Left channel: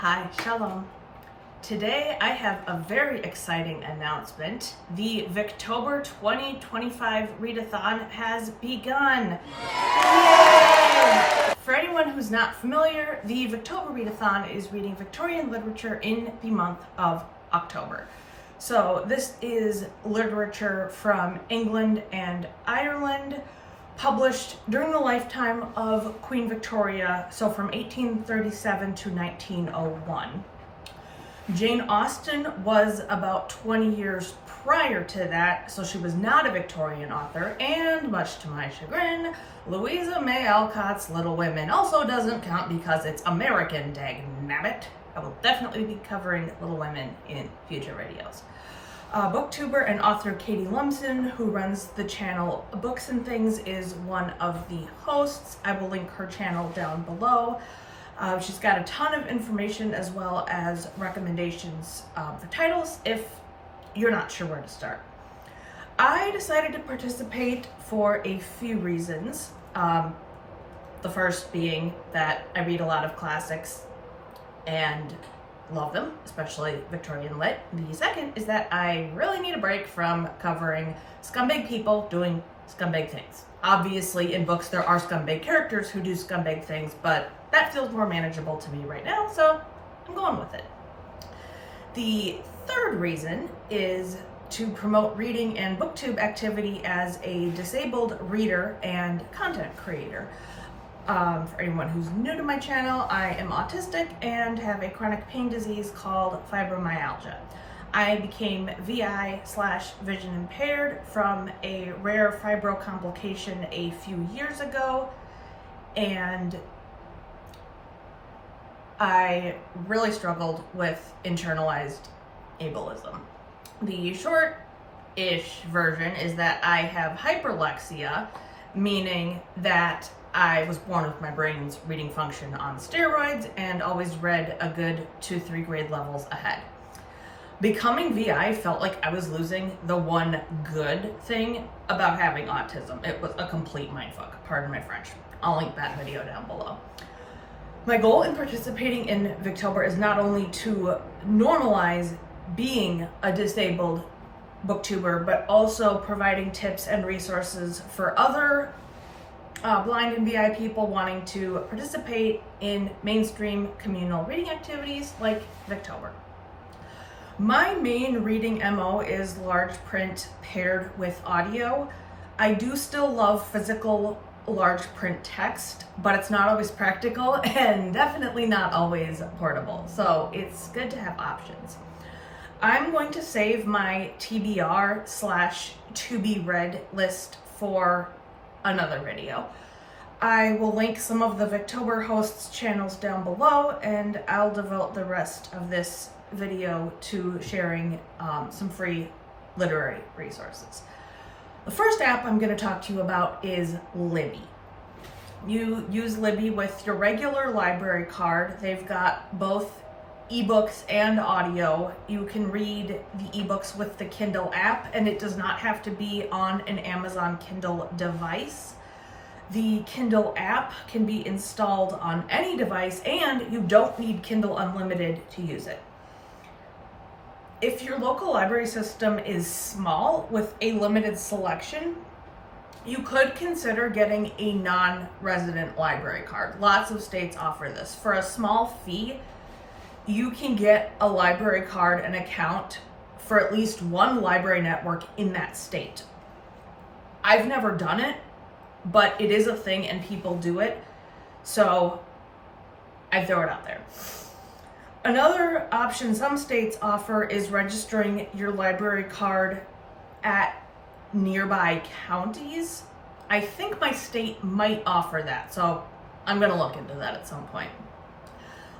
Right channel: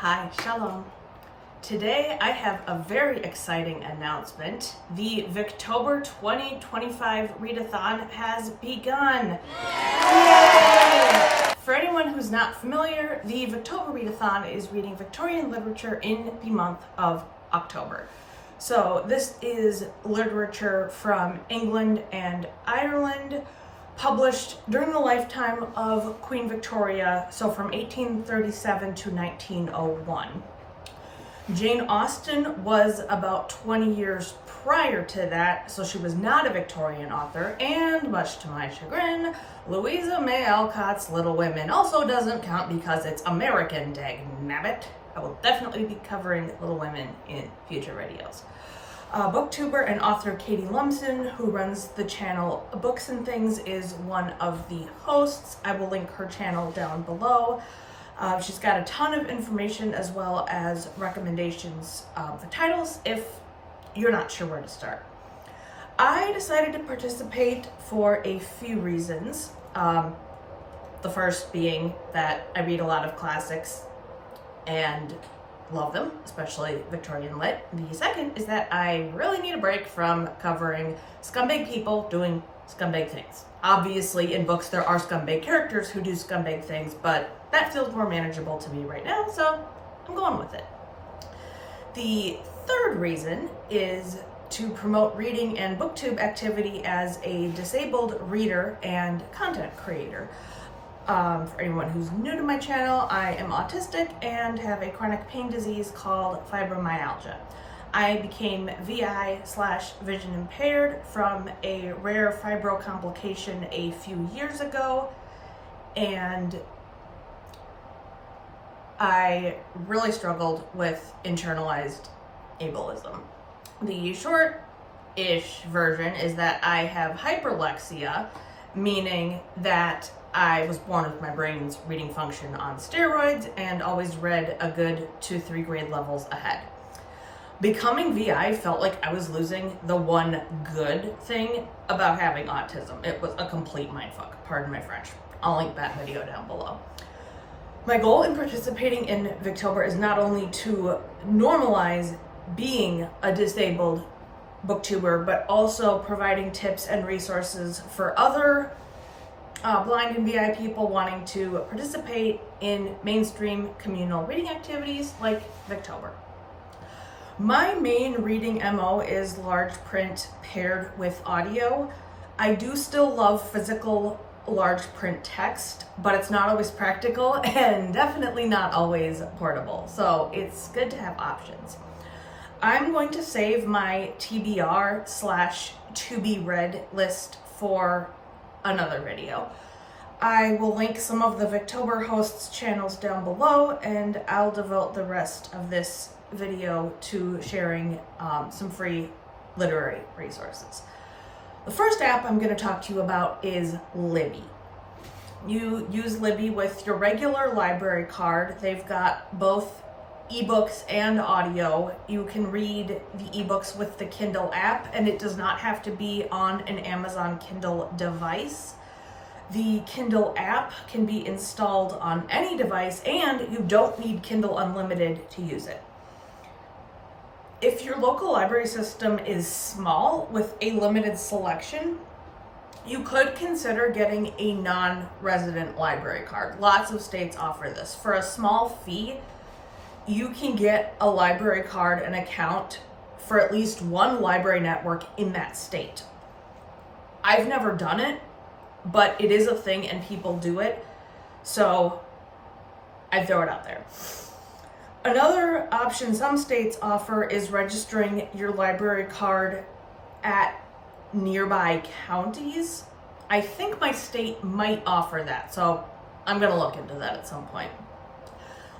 Hi, Shalom. Today I have a very exciting announcement. The Victober 2025 readathon has begun. Yay! For anyone who's not familiar, the Victober readathon is reading Victorian literature in the month of October. So this is literature from England and Ireland, published during the lifetime of Queen Victoria, so from 1837 to 1901. Jane Austen was about 20 years prior to that, so she was not a Victorian author, and much to my chagrin, Louisa May Alcott's Little Women also doesn't count because it's American, dagnabbit. I will definitely be covering Little Women in future videos. BookTuber and author Kati Lumsden, who runs the channel Books and Things, is one of the hosts. I will link her channel down below. She's got a ton of information as well as recommendations for titles if you're not sure where to start. I decided to participate for a few reasons. The first being that I read a lot of classics and love them, especially Victorian lit. The second is that I really need a break from covering scumbag people doing scumbag things. Obviously, in books there are scumbag characters who do scumbag things, but that feels more manageable to me right now, so I'm going with it. The third reason is to promote reading and booktube activity as a disabled reader and content creator. For anyone who's new to my channel, I am autistic and have a chronic pain disease called fibromyalgia. I became VI/vision impaired from a rare fibro complication a few years ago, and I really struggled with internalized ableism. The short-ish version is that I have hyperlexia, meaning that I was born with my brain's reading function on steroids and always read a good 2-3 grade levels ahead. Becoming VI felt like I was losing the one good thing about having autism. It was a complete mindfuck, pardon my French. I'll link that video down below. My goal in participating in Victober is not only to normalize being a disabled booktuber, but also providing tips and resources for other blind and VI people wanting to participate in mainstream communal reading activities like Victober. My main reading MO is large print paired with audio. I do still love physical large print text, but it's not always practical and definitely not always portable, so it's good to have options. I'm going to save my TBR/to-be-read list for another video. I will link some of the Victober hosts' channels down below, and I'll devote the rest of this video to sharing some free literary resources. The first app I'm going to talk to you about is Libby. You use Libby with your regular library card. They've got both ebooks and audio. You can read the ebooks with the Kindle app, and it does not have to be on an Amazon Kindle device. The Kindle app can be installed on any device, and you don't need Kindle Unlimited to use it. If your local library system is small with a limited selection, you could consider getting a non-resident library card. Lots of states offer this. For a small fee, you can get a library card and account for at least one library network in that state. I've never done it, but it is a thing and people do it, so I throw it out there. Another option some states offer is registering your library card at nearby counties. I think my state might offer that, so I'm gonna look into that at some point.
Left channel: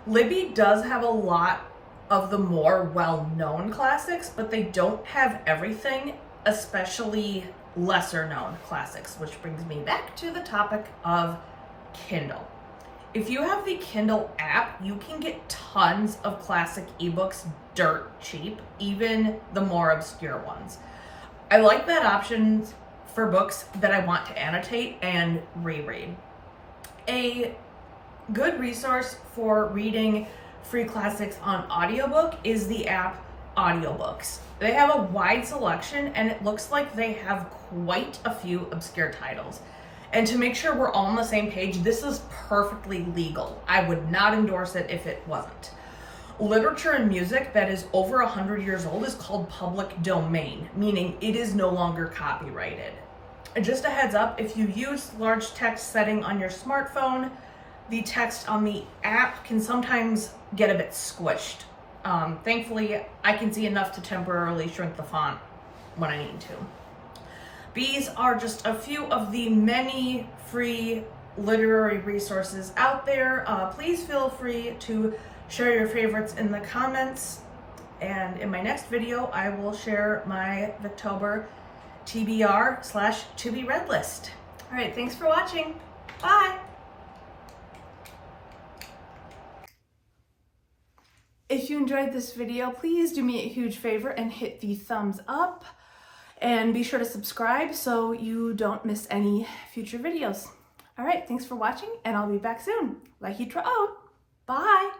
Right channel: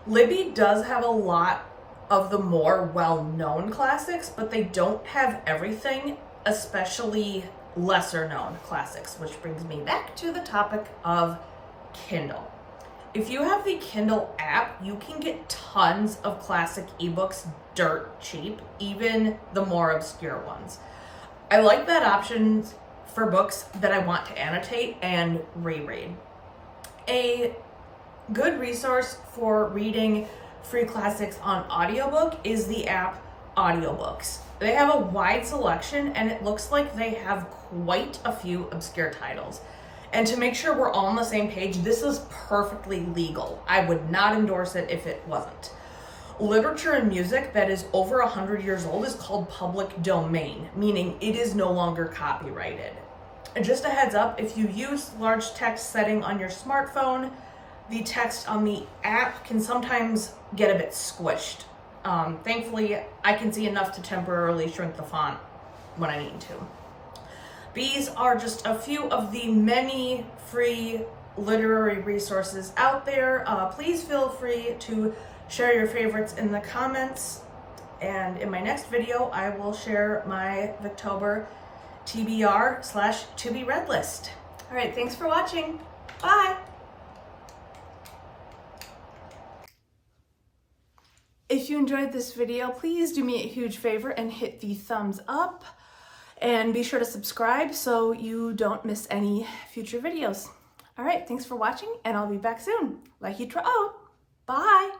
Libby does have a lot of the more well-known classics, but they don't have everything, especially lesser known classics, which brings me back to the topic of Kindle. If you have the Kindle app, you can get tons of classic ebooks dirt cheap, even the more obscure ones. I like that option for books that I want to annotate and reread. A good resource for reading free classics on audiobook is the app Audiobooks. They have a wide selection and it looks like they have quite a few obscure titles. And to make sure we're all on the same page, this is perfectly legal. I would not endorse it if it wasn't. Literature and music that is over 100 years old is called public domain, meaning it is no longer copyrighted. And just a heads up, if you use large text setting on your smartphone, the text on the app can sometimes get a bit squished. Thankfully, I can see enough to temporarily shrink the font when I need to. These are just a few of the many free literary resources out there. Please feel free to share your favorites in the comments. And in my next video, I will share my Victober TBR/to be read list. All right, thanks for watching. Bye. If you enjoyed this video, please do me a huge favor and hit the thumbs up. And be sure to subscribe so you don't miss any future videos. All right, thanks for watching, and I'll be back soon. Like you Bye.